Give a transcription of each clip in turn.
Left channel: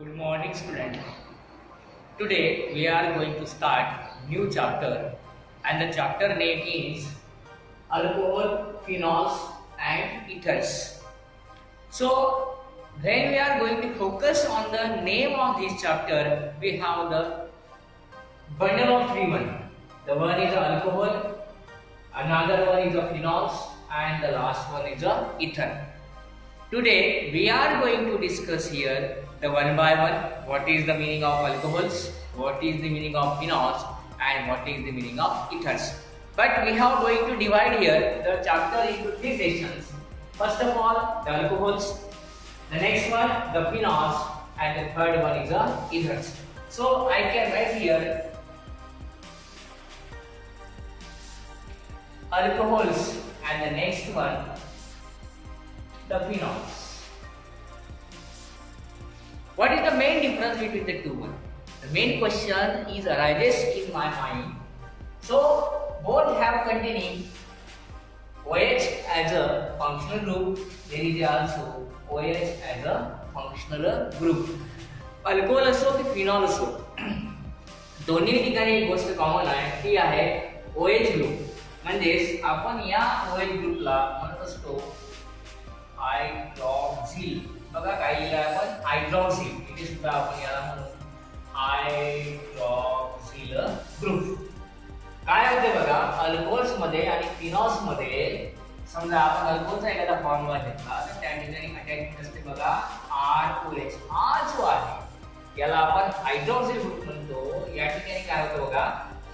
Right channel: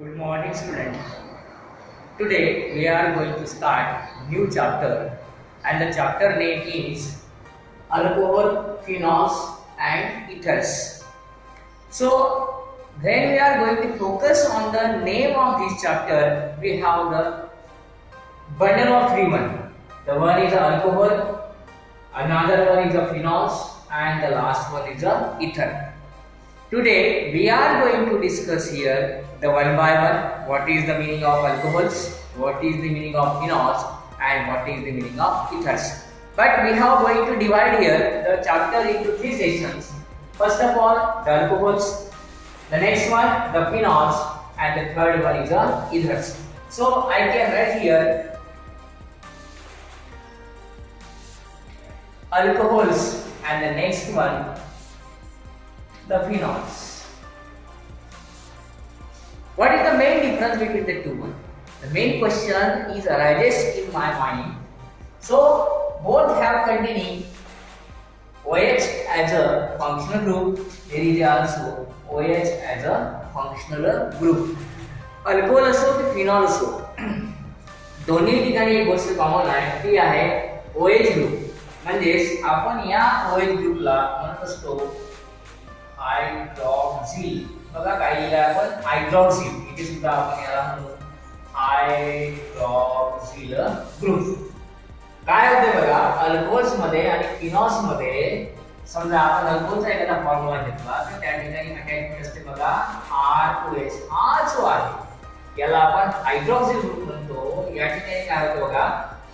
Good morning, students. Today we are going to start new chapter, and the chapter name is alcohol, phenols, and ethers. So, when we are going to focus on the name of this chapter, we have the bundle of three one. The one is alcohol, another one is the phenols, and the last one is the ether. Today we are going to discuss here the one by one, what is the meaning of alcohols, what is the meaning of phenols, and what is the meaning of ethers. But we are going to divide here the chapter into three sections. First of all, the alcohols, the next one the phenols, and the third one is the ethers. So I can write here alcohols and the next one the phenols. What is the main difference between the two? The main question is arises in my mind. So both have containing OH as a functional group. There is also OH as a functional group. Alcohol असो की phenol असो दोन्ही ठिकाणी एक गोष्ट common आहे ती आहे OH ग्रुप. म्हणजेच आपण या OH ग्रुपला म्हणत असतो हायड्रॉक्सिल. बघा काही आपण हायड्रॉक्सिल इथे सुद्धा आपण याला म्हणू हायड्रॉक्सिल ग्रुप. काय होते बघा अल्कोहोल्स मध्ये आणि फिनॉल्स मध्ये समजा आपण अल्कोहोलचा एखादा फॉर्म्युला घेतला तर त्या ठिकाणी अटॅचमेंट असते बघा ROH. हा जो आहे याला आपण हायड्रॉक्सिल ग्रुप म्हणतो. या ठिकाणी काय होतं बघा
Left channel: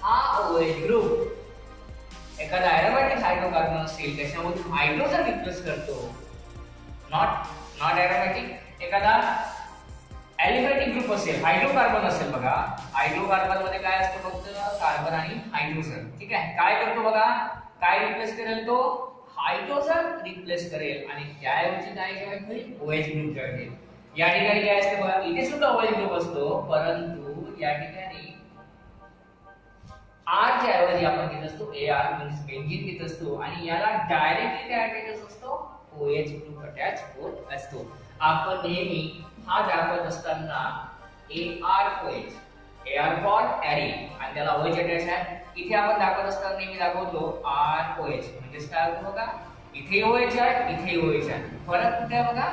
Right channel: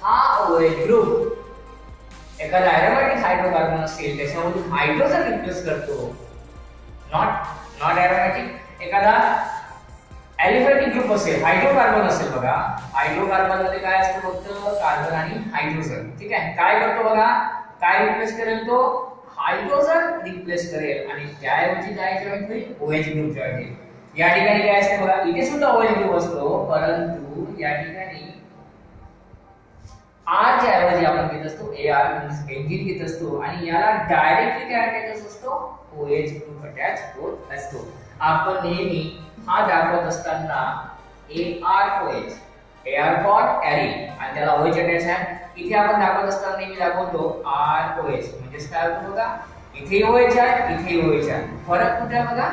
हा OH ग्रुप एखादा एरोमॅटिक हायड्रोकार्बन असेल त्याच्यामधून हायड्रोजन रिप्लेस करतो. नॉट एरोमॅटिक एखादा एलिफॅटिक ग्रुप असेल हायड्रोकार्बन असेल बघा हायड्रोकार्बन मध्ये काय असतं फक्त कार्बन आणि हायड्रोजन. ठीक आहे. काय करतो बघा काय रिप्लेस करेल तो हायड्रोजन रिप्लेस करेल आणि त्याऐवजी काय जॉईन होईल OH ग्रुप जॉईन होईल. या ठिकाणी काय असते बघा इथे सुद्धा OH ग्रुप असतो परंतु या ठिकाणी R च्या ऐवजी आपण घेत असतो AR म्हणजे बेंझिन घेत असतो आणि याला डायरेक्टली काय अटॅच असतो OH ग्रुप अटॅच होत असतो. आपण नेहमी हा दाखवत असताना AROH AR फॉर एरिन आणि त्याला OH अटॅच आहे. इथे आपण दाखवत असताना नेहमी दाखवतो ROH म्हणजे काय होतं बघा इथे OH आहे इथे OH आहे. फरक कुठे आहे बघा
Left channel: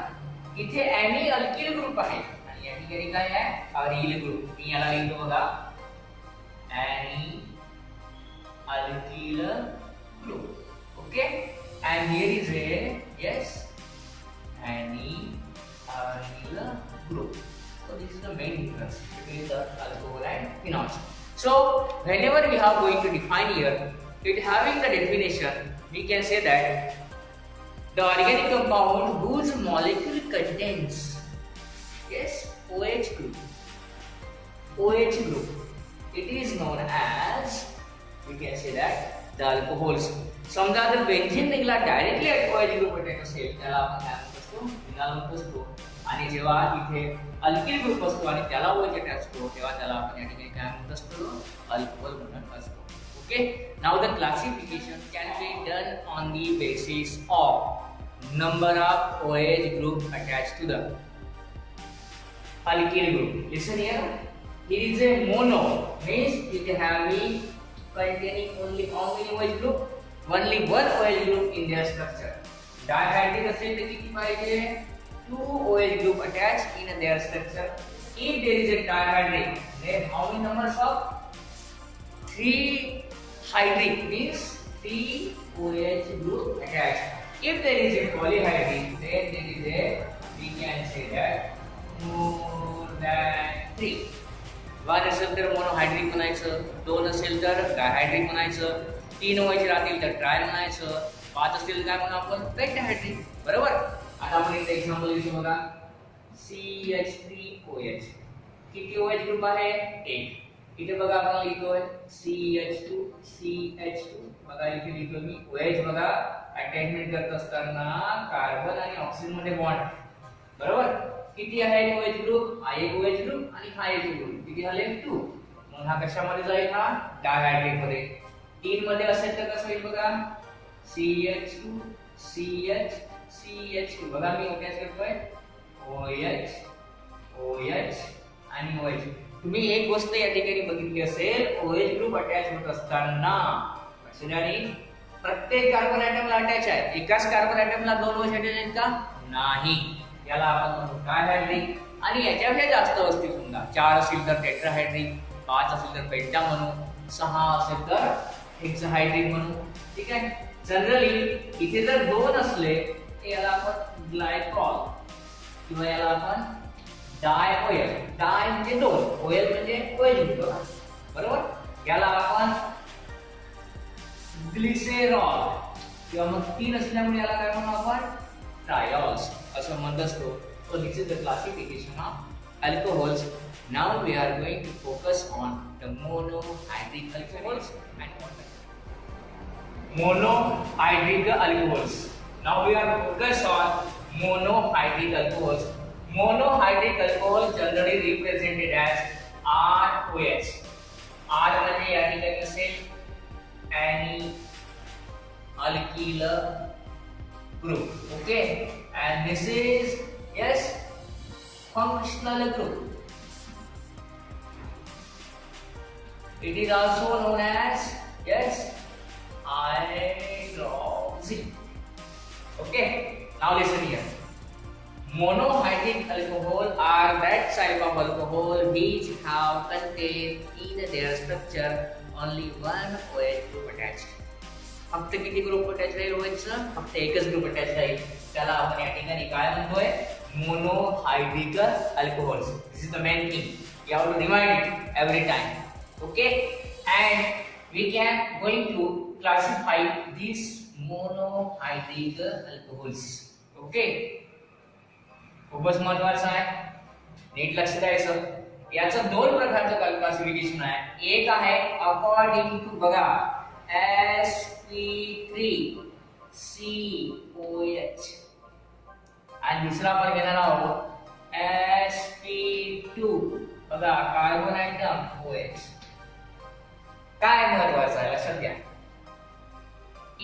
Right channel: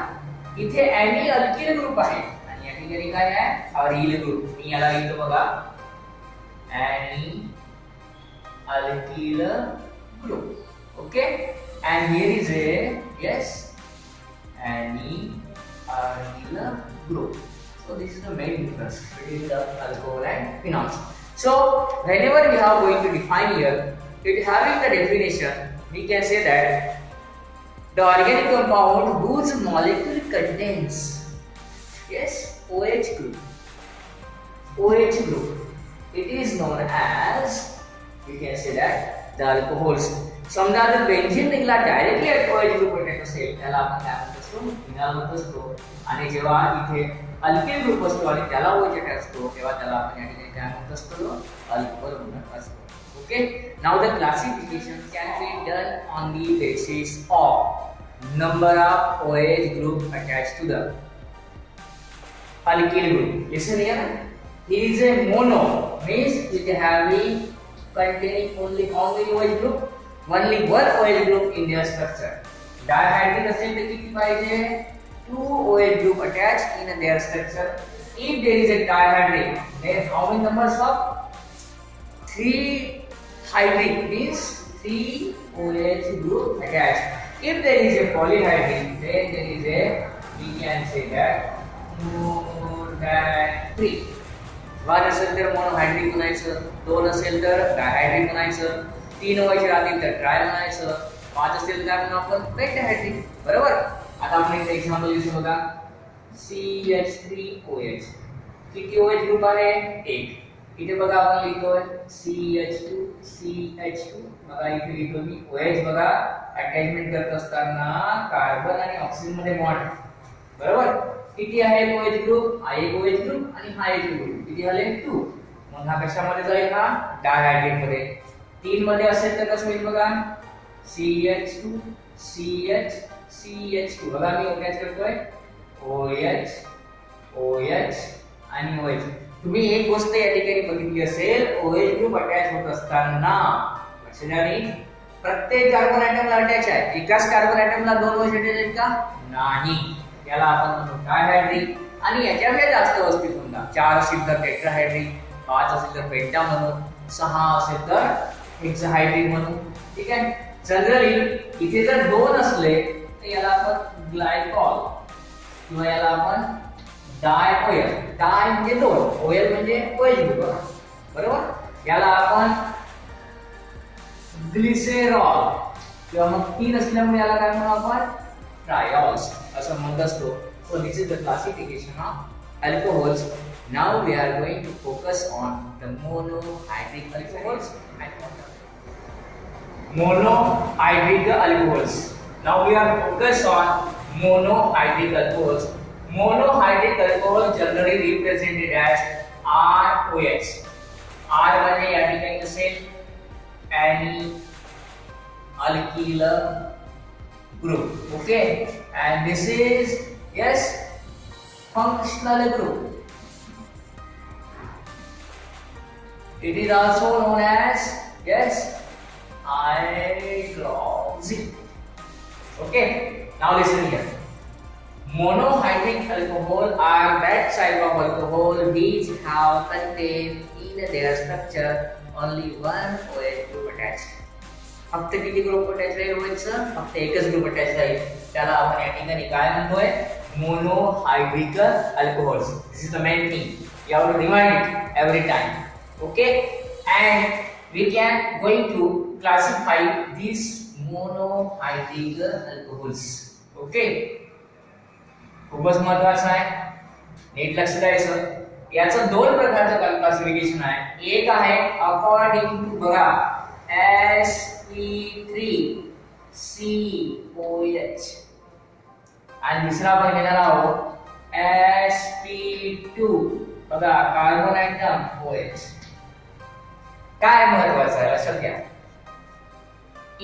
इथे एनी अल्किल ग्रुप आहे आणि या ठिकाणी काय आहे अरिल ग्रुप. मी याला लिहितो बघा any alkyl group. Okay, and here is a yes any alkyl group. So this is the main difference between the alcohol and phenols. So whenever we are going to define here it having the definition we can say that the organic compound whose molecule contains yes OH group it is known as we can say that the alcohols. समजा जर benzene निघाला directly OH group attach असेल त्याला आपण काय म्हणत असतो phenol म्हणत असतो. आणि जेव्हा इथे अल्किल ग्रुप असतो आणि त्याला OH अटॅच असतो तेव्हा त्याला आपण या ठिकाणी काय म्हणत असतो अल्कोहोल म्हणत असतो. Okay. Now the classification can be done on the basis of number of OH group attached to the alkyl group. Listen here. Here is a mono means it having containing only how many OH group? Only one OH group in their structure. Dihydric असेल तर किती पाहिजे 2 OH group attached in their structure. If there is a dihydric then how many numbers of 3 hydric means 3 OH group attached. If there is a polyhydric then there is a we can say that more than 3. 1 असेल तर monohydric म्हणायचं, 2 असेल तर डायहायड्रिक म्हणायचं, 3 व्हायचे राहतील तर try म्हणायचं, 5 असेल तर काय म्हणू आपण पेंटाहायड्रिक. बरोबर. आता आपण एक एक्झाम्पल घेऊ बघा CH3OH. किती OH ग्रुप आहे 1. इथे बघा आपण लिहितोय CH2 बघा इथे लिहितो मी OH बघा अटॅचमेंट करत असताना कार्बन आणि ऑक्सिजन मध्ये बॉन्ड. बरोबर. किती आहे OH ग्रुप हा एक OH ग्रुप आणि हा एक ग्रुप किती झाले 2. मग हा कशामध्ये जाईल हा डायहायड्रिक मध्ये. 3 मध्ये असेल तर कसं होईल बघा CH2 CH CH2 बघा मी अटॅच करतोय OH OH आणि OH. तुम्ही एक गोष्ट या ठिकाणी बघितली असेल, OH ग्रुप अटॅच होत असताना लक्षात द्या रे, प्रत्येक कार्बन ॲटमला अटॅच आहे. एकाच कार्बन ॲटमला दोन OH अटॅच आहेत का? नाही. याला आपण म्हणतो डायहायड्रिक. आणि याच्यापेक्षा जास्त असतील समजा 4 असेल तर टेट्राहायड्रिक, 5 असेल तर पेंटा म्हणू, 6 असेल तर हेक्साहायड्रिक म्हणू. ठीक आहे. जनरली इथे जर 2 असले तर याला आपण ग्लायकॉल किंवा याला आपण डायओएल. डाय म्हणजे 2, ओएल म्हणजे OH ग्रुप, बरोबर. याला आपण ग्लिसेरॉल किंवा मग 3 असल्यामुळे याला काय म्हणू आपण? ट्रायॉल्स असं म्हणत असतो. So this is the classification of alcohols. Now we are going to focus on the monohydric alcohols and water. Monohydric alcohols. Now we are focused on monohydric alcohols. Monohydric alcohol generally represented as ROH. R म्हणजे या ठिकाणी असेल any alkyl group. Okay, and this is yes functional group. It is also known as yes hydroxy. Okay, now listen here. Monohydric alcohol are that type of alcohol which have contained in their structure only one OH group attached. फक्त किती group attach आहे OH? फक्त एकच group attach आहे. त्याला आपण या ठिकाणी काय म्हणतोय? Monohydric alcohols. This is the main thing. You have to remind it every time. Okay, and we can going to classify this monohydric alcohols. Okay, खूपच महत्त्वाचं आहे, नीट लक्ष द्यायचं. याचं 2 प्रकारचं क्लासिफिकेशन आहे. एक आहे अकॉर्डिंग टू बघा sp3COH आणि दुसरा आपण घेणार आहोत sp2 बघा कार्बन ॲटम OH. काय महत्त्वाचं आहे लक्षात घ्या.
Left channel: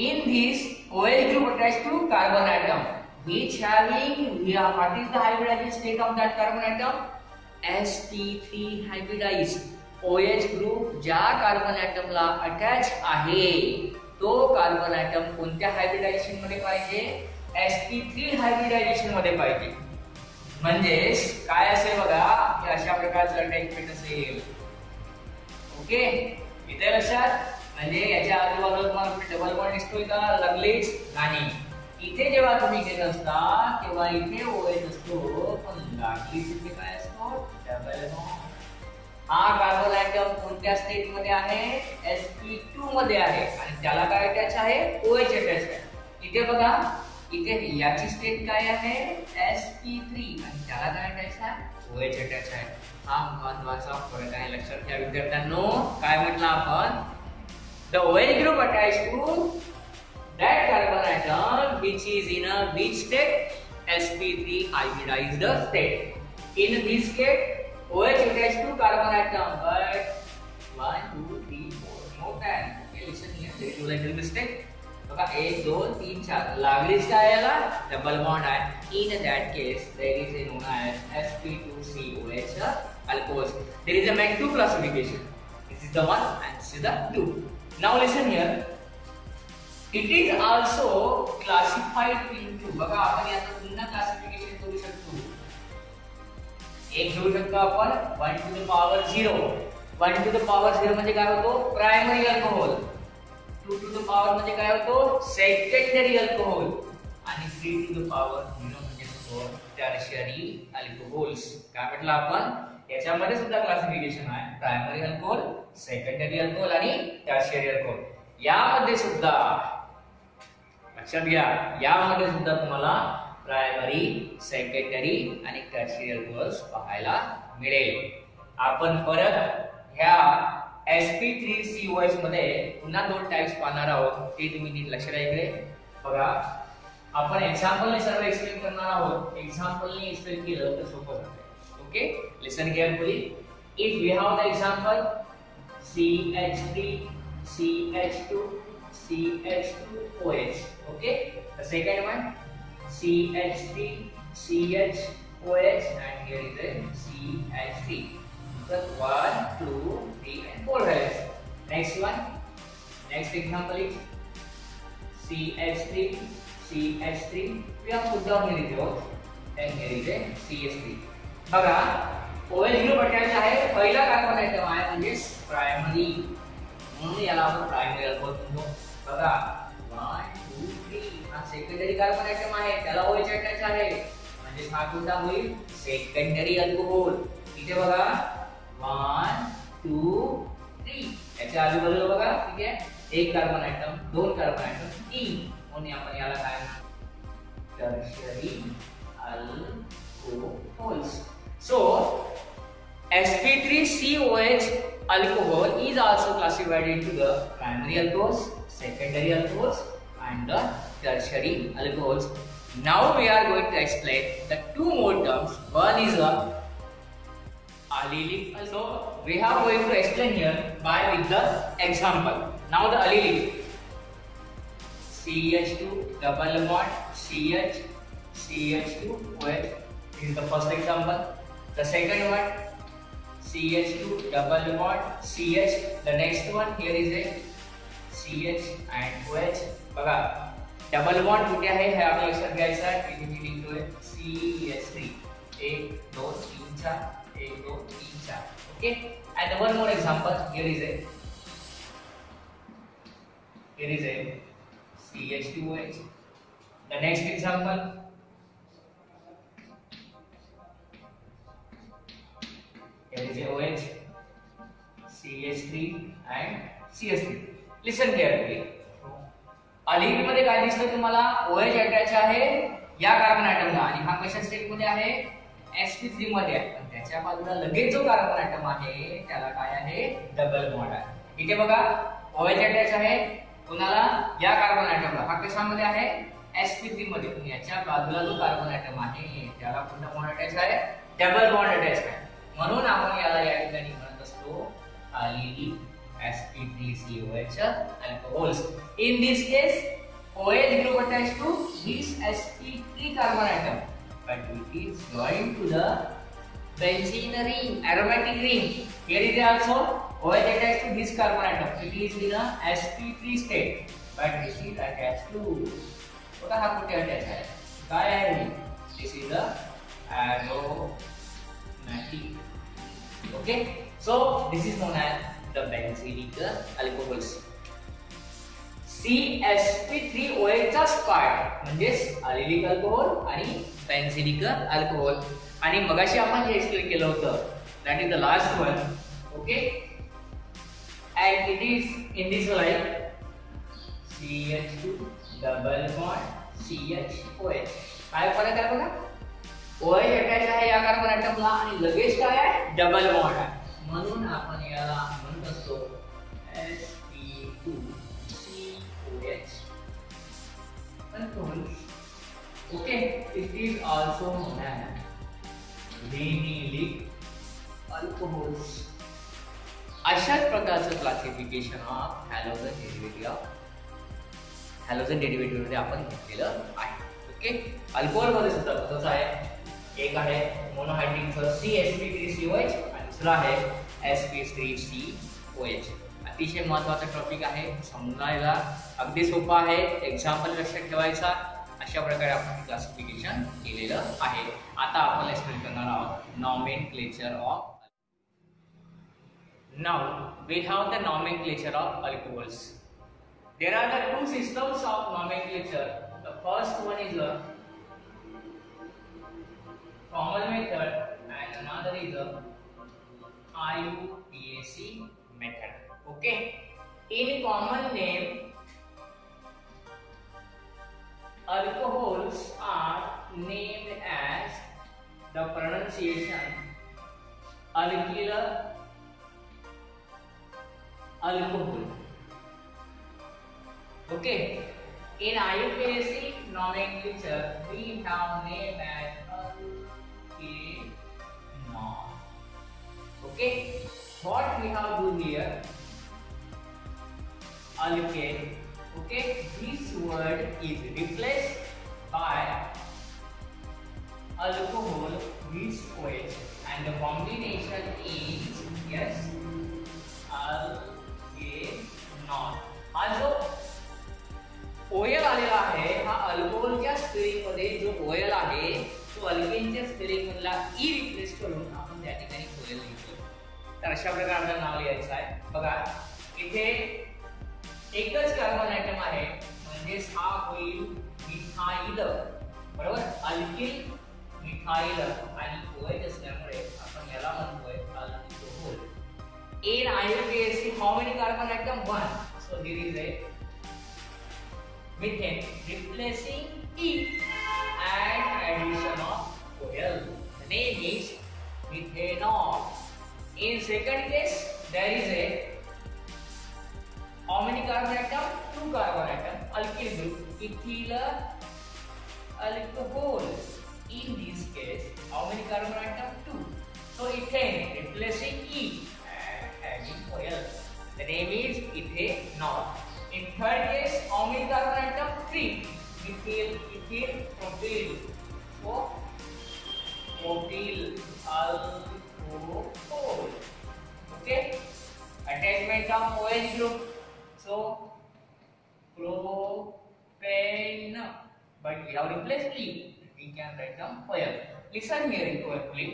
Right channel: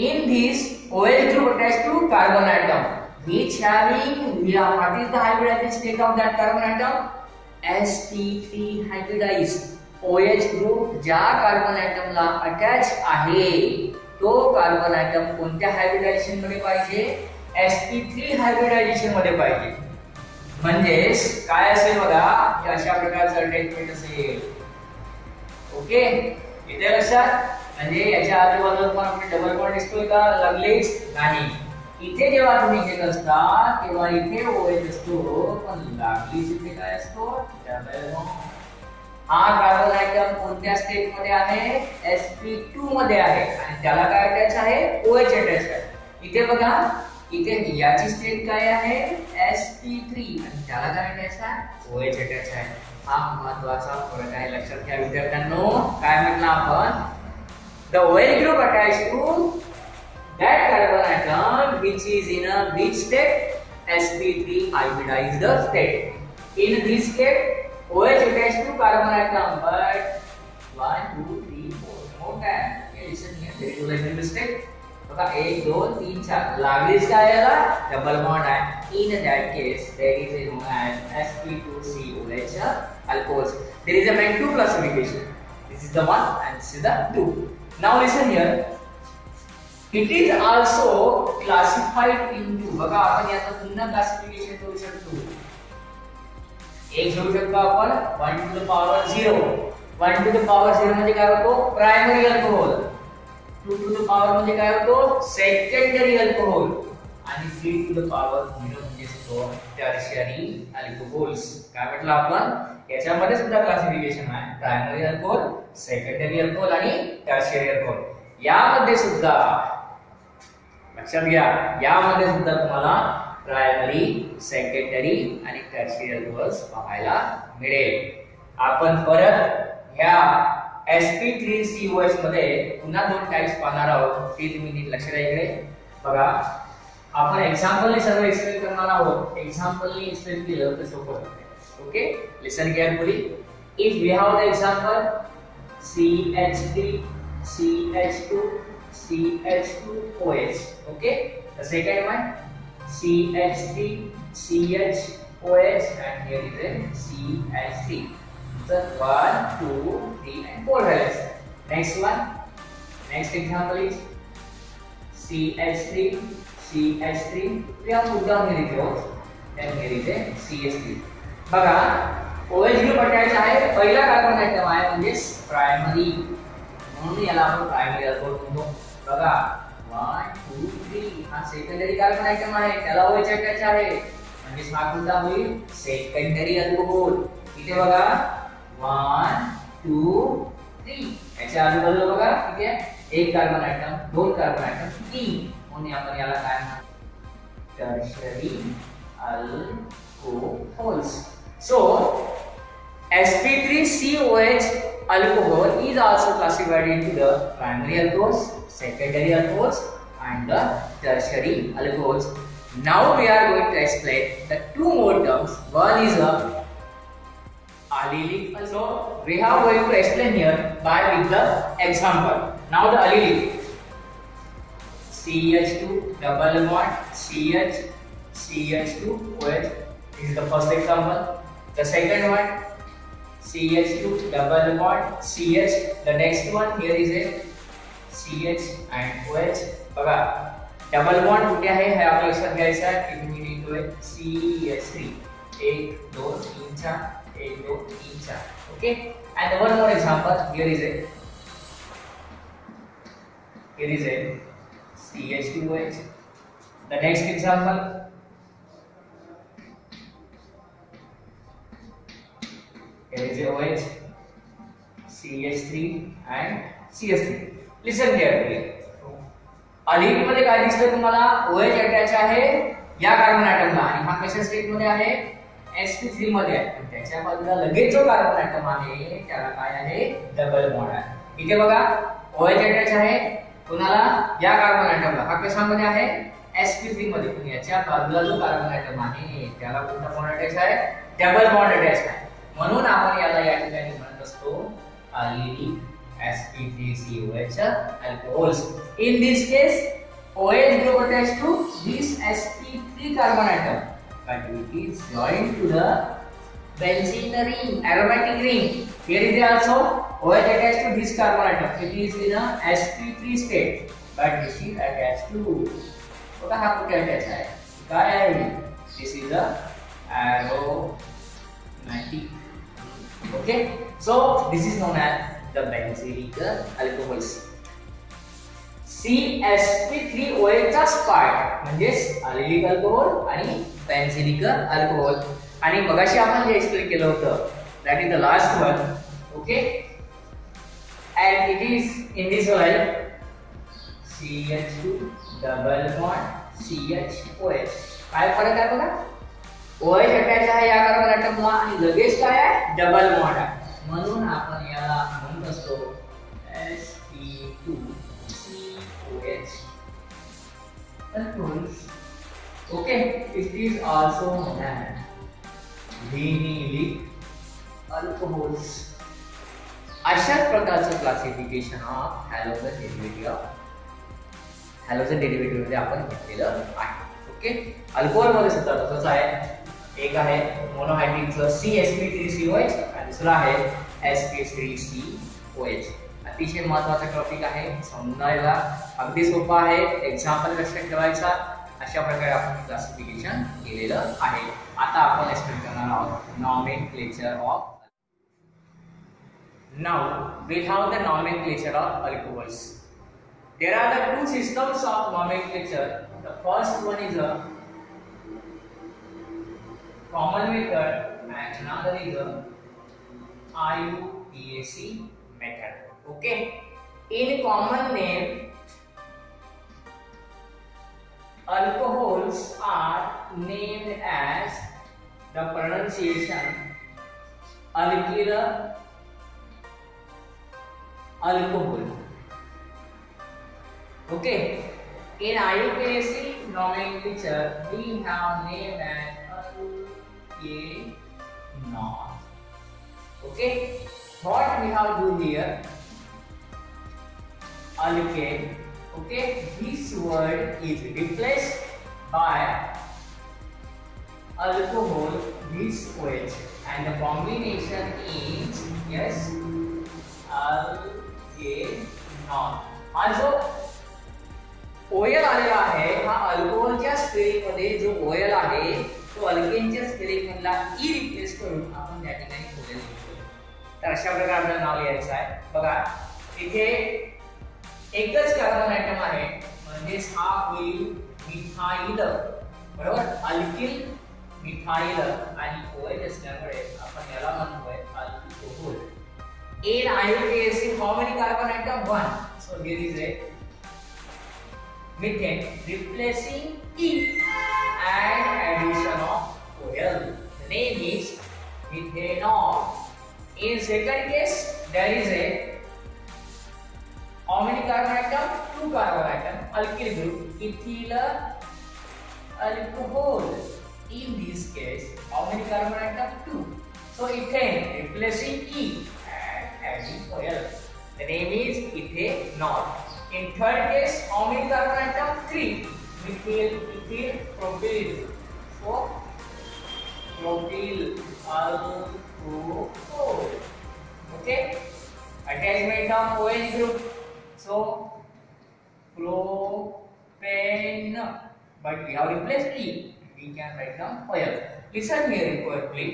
In this OH group attached to carbon atom which having what is the hybridized state of that carbon atom? sp3 hybridized. OH group ज्या कार्बन ॲटमला अटॅच आहे तो कार्बन ॲटम कोणत्या हायब्रिडायझेशन मध्ये पाहिजे? sp3 हायब्रिडायझेशन मध्ये पाहिजे. म्हणजे काय असेल बघा, हे अशा प्रकारचं अटॅचमेंट असेल. ओके, इथे लक्षात. म्हणजे याच्या आजूबाजूला डबल बॉन्ड दिसतोय का? लगेच नाही. इथे जेव्हा तुम्ही घेत असता तेव्हा इथे OH असतो, पण लागलीच इथे काय असतो? Double bond. हा कार्बन ॲटम कोणत्या स्टेट मध्ये आहे? sp2 मध्ये आहे आणि त्याला काय अटॅच आहे? OH अटॅच आहे. इथे बघा, इथे याची स्टेट काय आहे? sp3 आणि त्याला काय अटॅच आहे? OH अटॅच आहे. हा महत्त्वाचा फरक आहे, लक्षात घ्या विद्यार्थ्यांनो. काय म्हटलं आपण? The OH group attached to that carbon atom which is in a which state? sp3 hybridized state. In this state OH attached to carbon atom, but 1, 2, 3, 4 more than. Okay, listen here. There is a little mistake. बघा 1, 2, 3, 4 लागलीच काय याला? Double bond आहे. In that case, there is a known as sp2COH alcohols. There is a main 2 classification. This is the 1 and this is the 2. Now listen here. It is also classified into. बघा आपण याचं पुन्हा classification करू शकतो. एक घेऊ शकतो आपण 1 to the power 0. 1 to the power 0 म्हणजे काय होतो? Primary alcohol. 2 to the power म्हणजे काय होतो? Secondary alcohol. आणि 3 to the power 0 म्हणजे तो टर्शियरी अल्कोहोल्स. काय म्हटलं आपण? याच्यामध्ये सुद्धा क्लासिफिकेशन आहे. प्रायमरी अल्कोहोल, सेकंडरी अल्कोहोल आणि टर्शियरी अल्कोहोल. यामध्ये सुद्धा लक्षात घ्या, यामध्ये सुद्धा तुम्हाला प्रायमरी, सेकंडरी आणि टर्शियरी अल्कोहोल्स पाहायला मिळेल. आपण परत ह्या sp3COH मध्ये पुन्हा 2 टाइप्स पाहणार आहोत. ते तुम्ही नीट लक्षात द्यायचे. बघा, आपण एक्झाम्पलने सर्व एक्सप्लेन करणार आहोत. एक्झाम्पलने एक्सप्लेन केलं तर सोपं होतं. Okay, listen carefully. If we have the example CH3 CH2 CH2OH. Okay, the second one CH3 CH OH, and here is a CH3. So 1, 2, 3 and 4 values. Next one, next example is CH3, CH3. We have put down here is O, and here is a CH3. बघा OH group attach आहे, पहिला carbon item आहे म्हणजे primary, म्हणून याला आपण primary alcohol म्हणतो. बघा 1, 2, 3 हा सेकंडरी कार्बन आयटम आहे, त्याला OH अटॅच आहे, म्हणजे हा कोणता होईल सेकंडरी अल्कोहोल. इथे बघा 1, 2, 3 याच्या आजूबाजूला बघा ठीक आहे एक कार्बन आयटम, दोन कार्बन आयटम, तीन, म्हणून आपण याला काय म्हणतो tertiary alcohols. So sp3COH alcohol is also classified into the primary alcohols, secondary alcohols and the tertiary alcohols. Now we are going to explain the two more terms. One is a allylic. So we are going to explain here by with the example. Now the allylic, CH2 double bond CH, CH2 OH. This is the first example. The second one, CH2 double bond CH. The next one here is a CH and OH. बघा double bond कुठे आहे हे आपल्याला लक्षात घ्यायचं आहे. इथे मी लिहितोय CH3 1 2 3 4 1 2 3 4. Okay, and one more example. Here is a CH2OH. The next example, here is a OH, CH3 and CH3. Listen carefully. अलिक मध्ये काय दिसतं तुम्हाला OH अटॅच आहे या कार्बन आयटमला आणि हा कशा स्टेट मध्ये आहे sp3 मध्ये आहे. पण त्याच्या बाजूला लगेच जो कार्बन आयटम आहे त्याला काय आहे डबल बॉन्ड आहे. इथे बघा OH अटॅच आहे कुणाला या कार्बन आयटमला, हा कशामध्ये आहे sp3 मध्ये. पण याच्या बाजूला जो कार्बन आयटम आहे त्याला कोणता बॉन्ड अटॅच आहे डबल बॉन्ड अटॅच आहे. म्हणून आपण याला या ठिकाणी म्हणत असतो allylic sp3COH alcohols. In this case OH group attached to this sp3 carbon atom, but it is joined to the benzene ring, aromatic ring. Here is also OH attached to this carbon atom. It is in a sp3 state, but this is attached to बघा हा कुठे attach आहे काय आहे this is a aromatic. Okay, so this is known as the benzenic alcohols. CsP3OH चा part म्हणजे allylic alcohol आणि benzenic alcohol. आणि मगाशी आपण जे एक्सप्लेन केलं होतं that is the last one. Okay, and it is in this way CH2 double bond CHOH. काय फरक आहे बघा OH अटॅच आहे या कार्बन आयटमला आणि लगेच काय आहे डबल बॉन्ड आहे. म्हणून आपण याला म्हणत असतो sp2COH alcohols. Okay, it is also known as vinylic alcohols. अशाच प्रकारचं क्लासिफिकेशन ऑफ हॅलोजन डेरिव्हेटिव्ह मध्ये आपण घेतलेलं आहे. ओके, अल्कोहोल मध्ये सुद्धा तसंच आहे. एक आहे मोनोहायड्रिकचं CsP3COH आणि दुसरा आहे sp3COH. अतिशय महत्त्वाचा टॉपिक आहे, समजायला अगदी सोपा आहे, एक्झाम्पल लक्षात ठेवायचा. अशा प्रकारे आपण क्लासिफिकेशन केलेलं आहे. आता आपण एक्सप्लेन करणार आहोत nomenclature of. Now we have the nomenclature of alcohols. There are the two systems of nomenclature. The first one is a common method and another is a IUPAC method. Okay, in common name alcohols are named as the pronunciation alkyl alcohol. Okay, in IUPAC nomenclature we have named as alkanol. Okay, what we have do here alkane. Okay, this word is replaced by alcohol with OH and the combination is yes algenol. हा जो OL आलेला आहे हा अल्कोहोलच्या spelling मध्ये जो OL आहे तो अल्केनच्या spelling मधला ई रिप्लेस करून आपण त्या ठिकाणी OL लिहितो. तर अशा प्रकारे नाव लिहायचं आहे. बघा इथे एकच कार्बन आयटम आहे म्हणजे हा होईल मिथाइल, बरोबर, अल्किल मिथाइल आणि OH असल्यामुळे आपण याला म्हणतोय alcohol. In IUPAC how many carbon atom? 1. So there is a methane replacing E and addition of OL. The name is methanol. In second case there is a how many carbon atom? 2 carbon atom, alkyl group, ethyl alcohol. In this case how many carbon atom? 2. So ethane replacing E and adding OL. The name is ethanol. In third case how many carbon atom? 3. Methyl, ethyl, propyl. So propyl alcohol. Okay. Attachment of OH group. So propane, but we have replaced E. We can write down OL. Listen here carefully.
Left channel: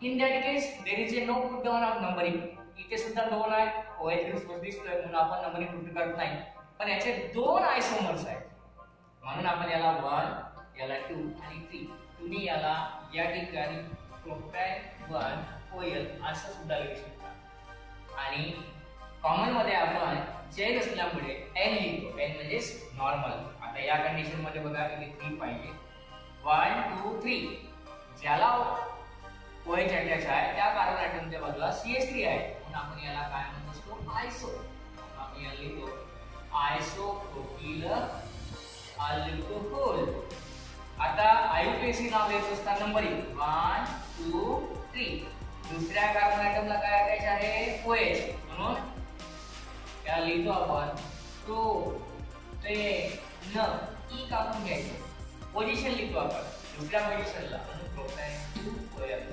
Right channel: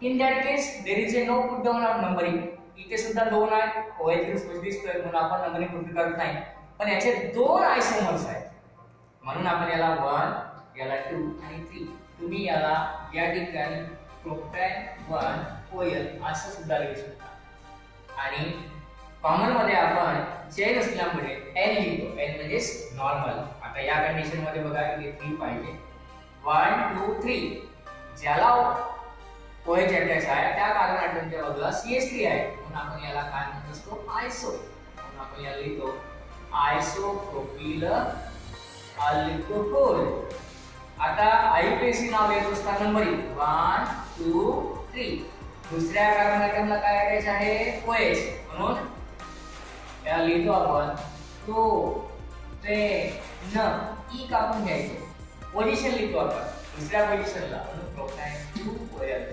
In that case there is a no put down of numbering. इथे सुद्धा 2 आहे, OH group दिसतोय म्हणून आपण numbering put करत नाही. पण याचे 2 आयसोमर्स आहेत म्हणून आपण याला 1, याला 2 आणि 3. तुम्ही याला या ठिकाणी प्रोपॅन 1 OL असं सुद्धा लिहू शकता. आणि कॉमन मध्ये आपण चेन असल्यामुळे N लिहितो. N म्हणजे नॉर्मल. आता या कंडिशन मध्ये बघा इथे 3 पाहिजे. 1 2 3 ज्याला OH अटॅच आहे त्या कार्बन ॲटमच्या बाजूला CH3 आहे म्हणून आपण याला काय म्हणत असतो आयसो. म्हणून आपण याला लिहितो आयसोप्रोपिल अल्कोहोल. आता IUPAC नाव लिहित असताना नंबरिंग 1 2 3. दुसऱ्या कार्बन ॲटमला काय अटॅच आहे OH म्हणून याला लिहितो आपण प्रोपेन. ई कापून घ्यायचं, पोझिशन लिहितो आपण दुसऱ्या पोझिशनला म्हणून प्रोपॅन 2 OL.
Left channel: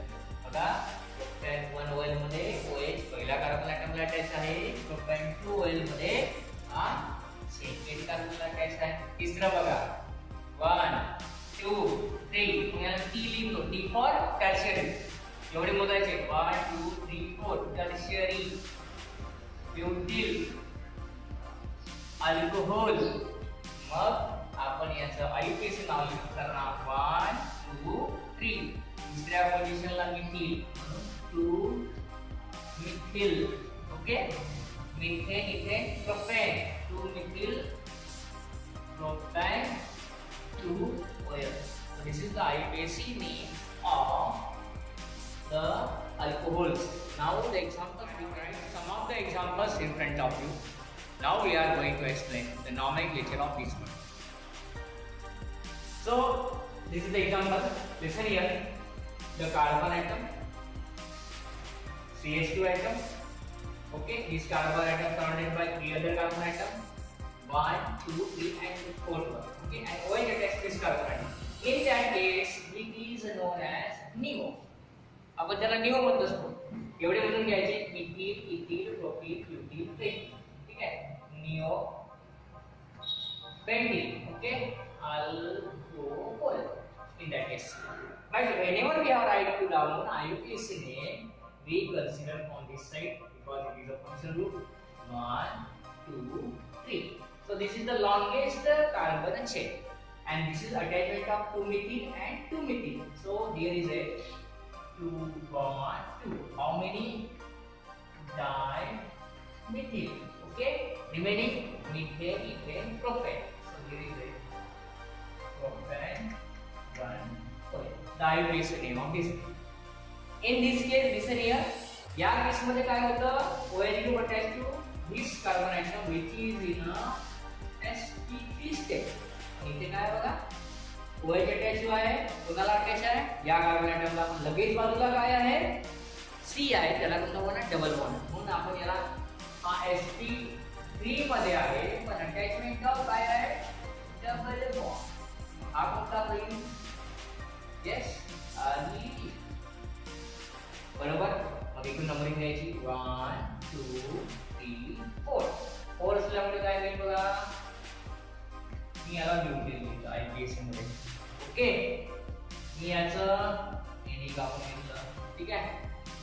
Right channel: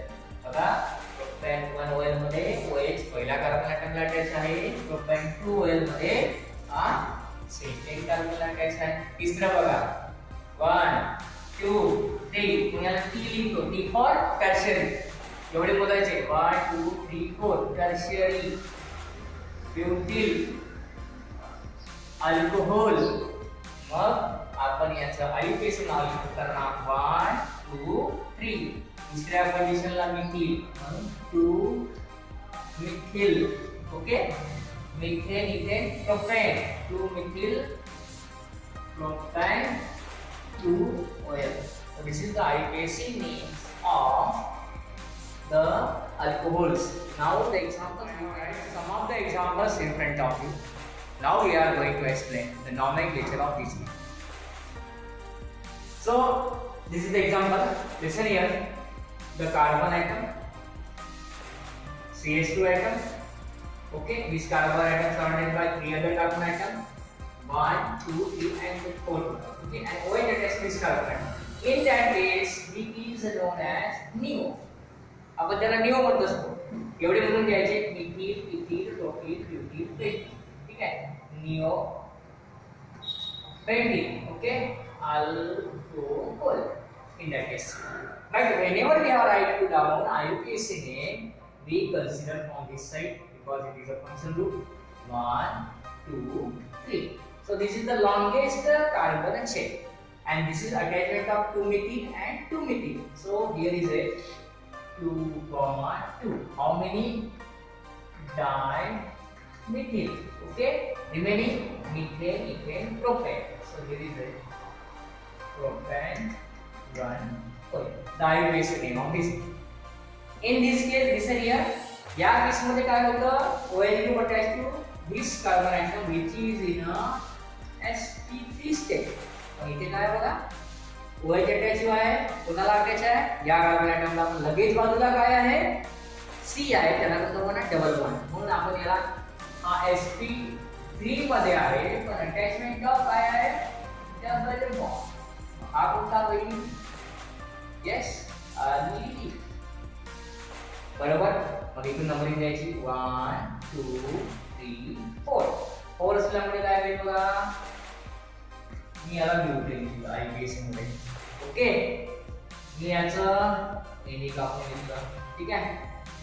बघा प्रोपॅन 1 OL मध्ये OH पहिल्या कार्बन ॲटमला अटॅच आहे, प्रोपॅन 2 OL मध्ये हा सेकंड कार्बनला अटॅच आहे. तिसरं बघा 1 2 3 मग याला T लिहितो. T for tertiary. एवढे मोजायचे 1 2 3 4 टर्शियरी ब्युटिल अल्कोहोल. मग आपण याचं IUPAC नाव लिहिताना 1 2 3. दुसऱ्या पोझिशनला मिथिल म्हणून 2 methyl. Okay, methane ethane propane 2 methyl propane 2 OL. So this is the IUPAC name of the alcohols. Now the examples, we write some of the examples in front of you. Now we are going to explain the nomenclature of these ones. So this is the example. Listen here. The carbon atom, CH2 atom. Okay, this carbon atom surrounded by 3 other carbon atoms. 1 2 3 and the 4th one. Okay, and OH attached to this carbon atom. In that case, it is known as NEO. आपण त्याला NEO म्हणत असतो. एवढे म्हणून घ्यायचे methyl, ethyl, propyl, ब्युटिल, propane. ठीक आहे, NEO pentene. Okay, alcohol in that case. But whenever we are write to down IUPAC name, we consider from this side because it is a function group 1 2 3. So this is the longest carbon chain and this is attachment of 2 methyl and 2 methyl. So here is a 2, 2. How many dimethyl? Okay, remaining methane, ethane, propane. So here is a propane 1 OL. The IUPAC name of this. In this case, listen here. या केस मध्ये काय होतं, OH group attached to this carbon atom which is in a sp3 state. आणि इथे काय बघा OH attach आहे, कोणाला अटॅच आहे या कार्बन ॲटमला. आपण लगेच बाजूला काय आहे C आहे, त्याला कसं म्हणा डबल बॉन्ड. म्हणून आपण याला हा sp3 मध्ये आहे पण अटॅचमेंट ऑफ काय आहे डबल बॉन्ड. हा कोणता होईल येस अल्किल. बरोबर. मग इकडून नंबरिंग द्यायची 1 2 3 4. 4 असल्यामुळे काय होईल बघा, मी याला ब्युटेन लिहिलं IUPAC मध्ये. ओके, मी याचं एनी कापून घेतलं. ठीक आहे,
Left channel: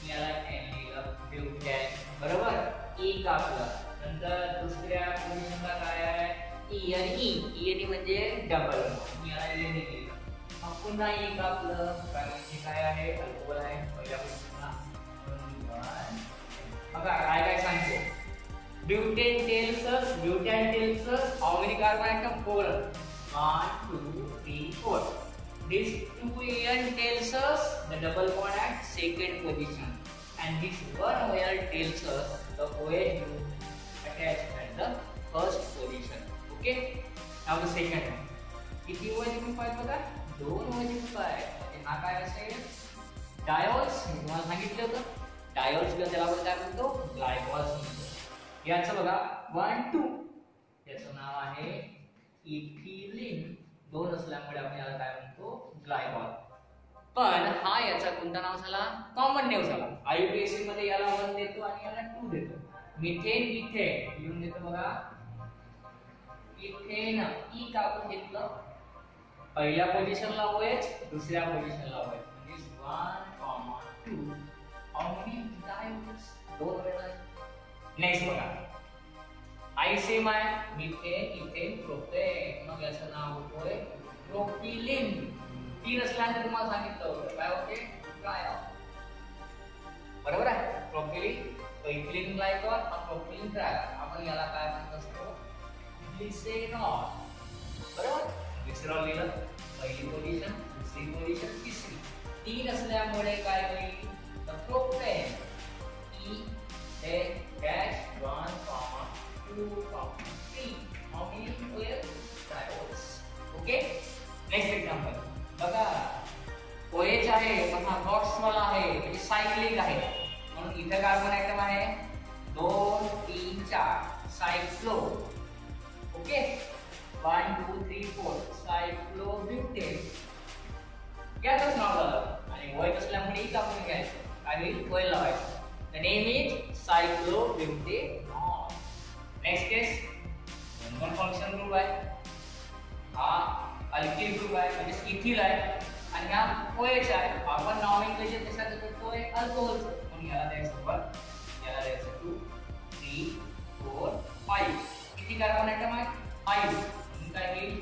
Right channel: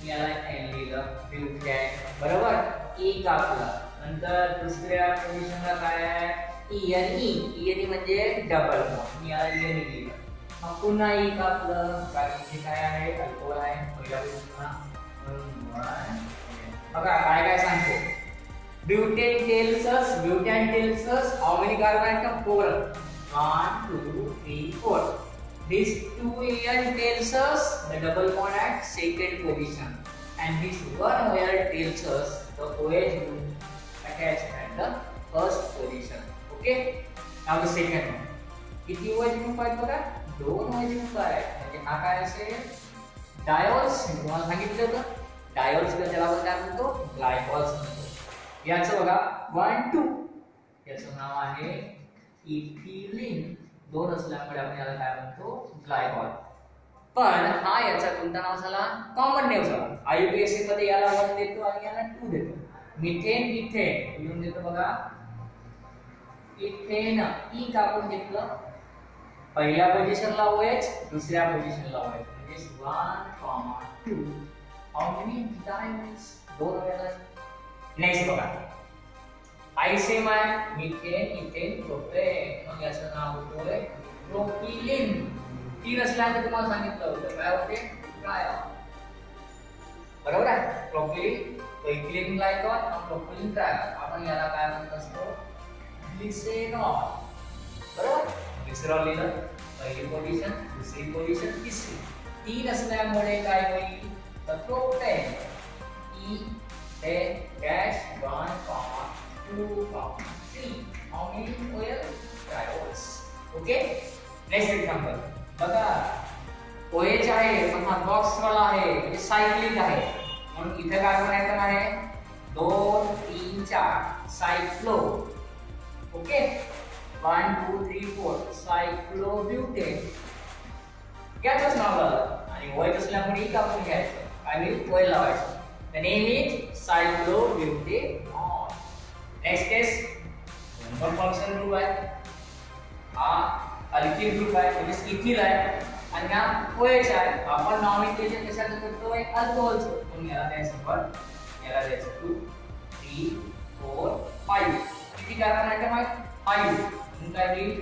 मी याला एन लिहिलं ब्युटेन. बरोबर. ई कापलं. नंतर दुसऱ्या पोझिशनला काय आहे ई आणि ई म्हणजे डबल बॉन्ड. मी याला ई लिहिलं. मग पुन्हा ई कापलं कारण हे काय आहे अल्कोहोल आहे पहिल्या पोझिशनला. बघा काय काय सांगतो. Butane tells us how many carbon atom? 4. 1 2 3 4. This 2N tells us the double bond at second position, and this 1OL tells us the OH group attached at the first position. Okay. Now the second one. किती OH group आहेत बघा? 2 OH group आहेत. म्हणजे हा काय असेल diols. मी तुम्हाला सांगितलं होतं डायोल्स त्याला आपण काय म्हणतो ग्लायकॉल्स म्हणतो. याचं बघा 1 2. याचं नाव आहे इथिलीन. 2 असल्यामुळे आपण याला काय म्हणतो ग्लायकॉल. पण हा याचा कोणता नाव झाला कॉमन नेम झाला. IUPAC मध्ये याला 1 देतो आणि याला 2 देतो. मिथेन इथेन लिहून देतो बघा. इथेन ई कापून घेतलं. पहिल्या पोझिशनला OH, दुसऱ्या पोझिशनला OH म्हणजे 1 2. How many diols? 2 वेळा. नेक्स्ट बघा आयसेम आहे मिथेन इथेन प्रोपेन. मग याचं नाव होतोय प्रोपिलीन. 3 असल्याने तुम्हाला सांगितलं होतं काय होते काय बरोबर आहे. प्रोपिलीन इथिलीन ग्लायकॉल आणि प्रोपिलीन ट्रायकॉल. आपण याला काय म्हणत असतो ग्लिसरॉल. बरोबर. ग्लिसरॉल लिहिलं पहिली पोझिशन दुसरी पोझिशन तिसरी. 3 असल्यामुळे काय होईल तर propane E dash 1 2 3. How many OL diols? Okay. Next example. बघा OH आहे पण हा बॉक्स वाला आहे म्हणजे सायक्लिक आहे म्हणून इथे कार्बन आयटम आहे 2 3 4 सायक्लो. Okay 1 2 3 4 cyclobutane. याचंच नाव झालं आणि OH असल्यामुळे ही कापून घ्यायचं आणि OL लावायचं. The name is cyclobutanol. Next is member function group आहे. हा अल्किल ग्रुप आहे म्हणजे इथिल आहे आणि हा OH आहे. आपण नॉमेनक्लेचर कशाचं करतोय अल्कोहोलचं. म्हणून याला द्यायचं पण याला द्यायचं 2 3 4 5. किती कार्बन आयटम आहेत 5. म्हणून काय होईल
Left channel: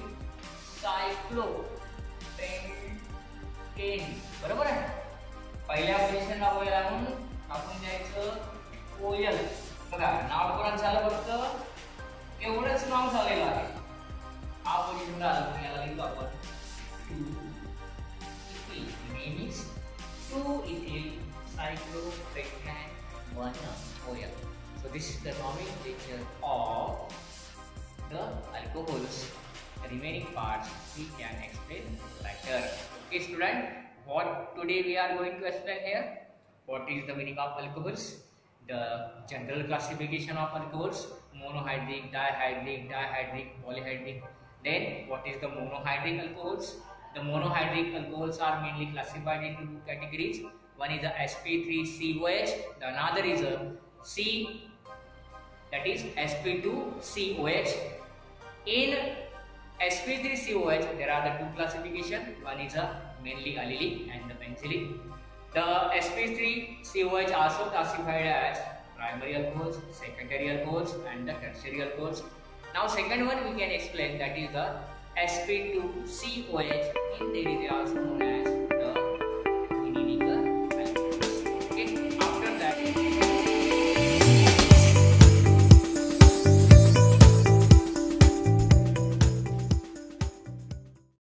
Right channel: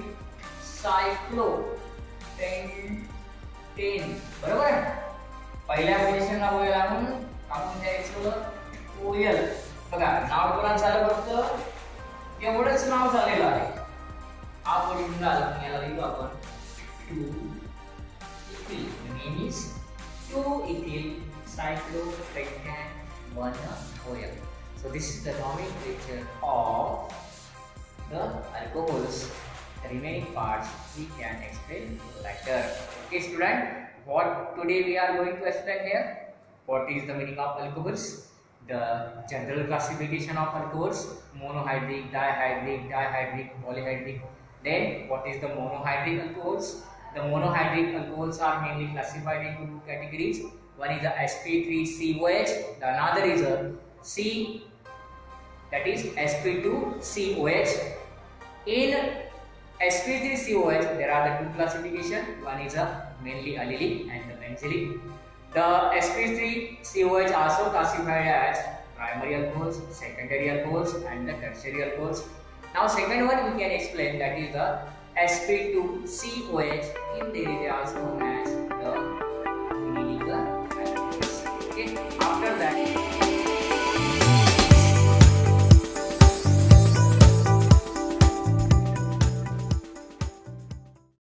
सायक्लो पेंटेन. बरोबर. पहिल्या पोझिशनला OH आणून आपण द्यायचं OL. बघा नाव कोणाचं झालं फक्त एवढंच नाव झालेलं आहे. हा पोझिशन झाला याला लिहू आपण 2 ethyl. Name is 2 ethyl cyclopentane 1 OL. So this is the nomenclature of the alcohols. The remaining parts we can explain later. Okay student, what today we are going to explain here? What is the meaning of alcohols? The general classification of alcohols: monohydric, dihydric, polyhydric. Then what is the monohydric alcohols? The monohydric alcohols are mainly classified into 2 categories. One is the sp3COH, the another is a C, that is sp2COH. In sp3COH there are the 2 classification. One is a mainly allylic and the benzylic. The sp3COH also classified as primary alcohols, secondary alcohols and the tertiary alcohols. Now second one we can explain, that is the sp2COH. In Hindi they are also known as